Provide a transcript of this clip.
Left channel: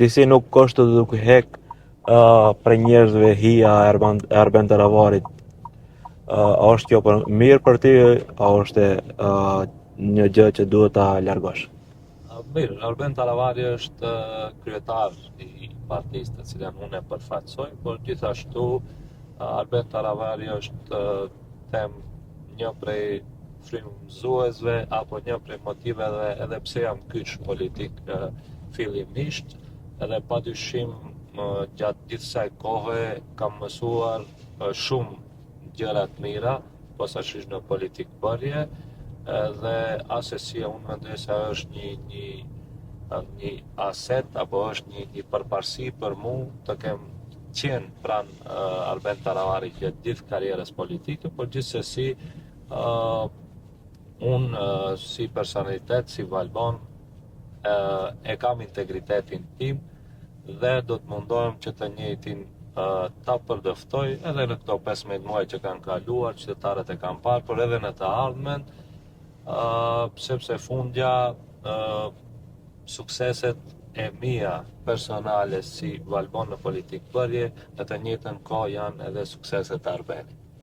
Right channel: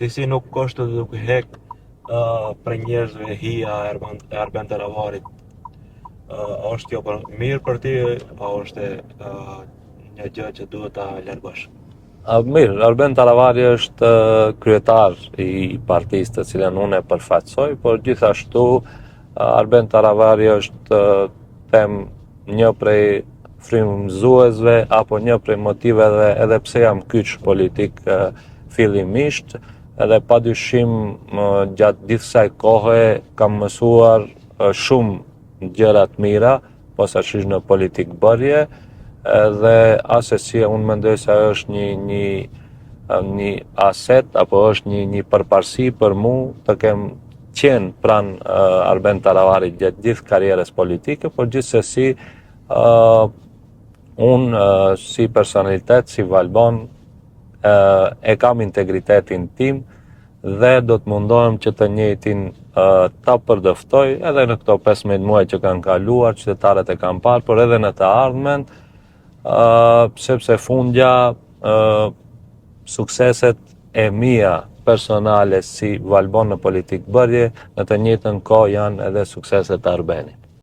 disi nuk është duke hek për njerëzve hija e Arben Taravarit. A është kjo mirë për ti, a është një gjë që duhet ta largosh? Mirë, Arben Taravari është kryetar i partisë të cilën unë e përfaqësoj, por gjithashtu Arben Taravari është them një prej frymëzuesve apo një prej motiveve edhe pse jam kyç politik fillimisht, edhe padyshim gjatë gjithë kësaj kohe kam mësuar shumë gjëra të mira, posaçërisht në politikë bërje, dhe asesi unë mendoj se është një aset apo është një përparësi për mu të kem qenë pranë Arben Taravarit gjatë gjithë karrierës politike, por gjithsesi unë si personalitet, si Valbon, e kam integritetin tim dhe do të mundohem që të njëjtin ta përdëftoj edhe në këto 15 muaj që kanë kaluar, qytetarët e kanë parë, por edhe në të ardhmen, sepse fundja sukseset e mia personale si Valbon në politikë bërje, në të njëjtën kohë janë edhe sukseset e Arbenit.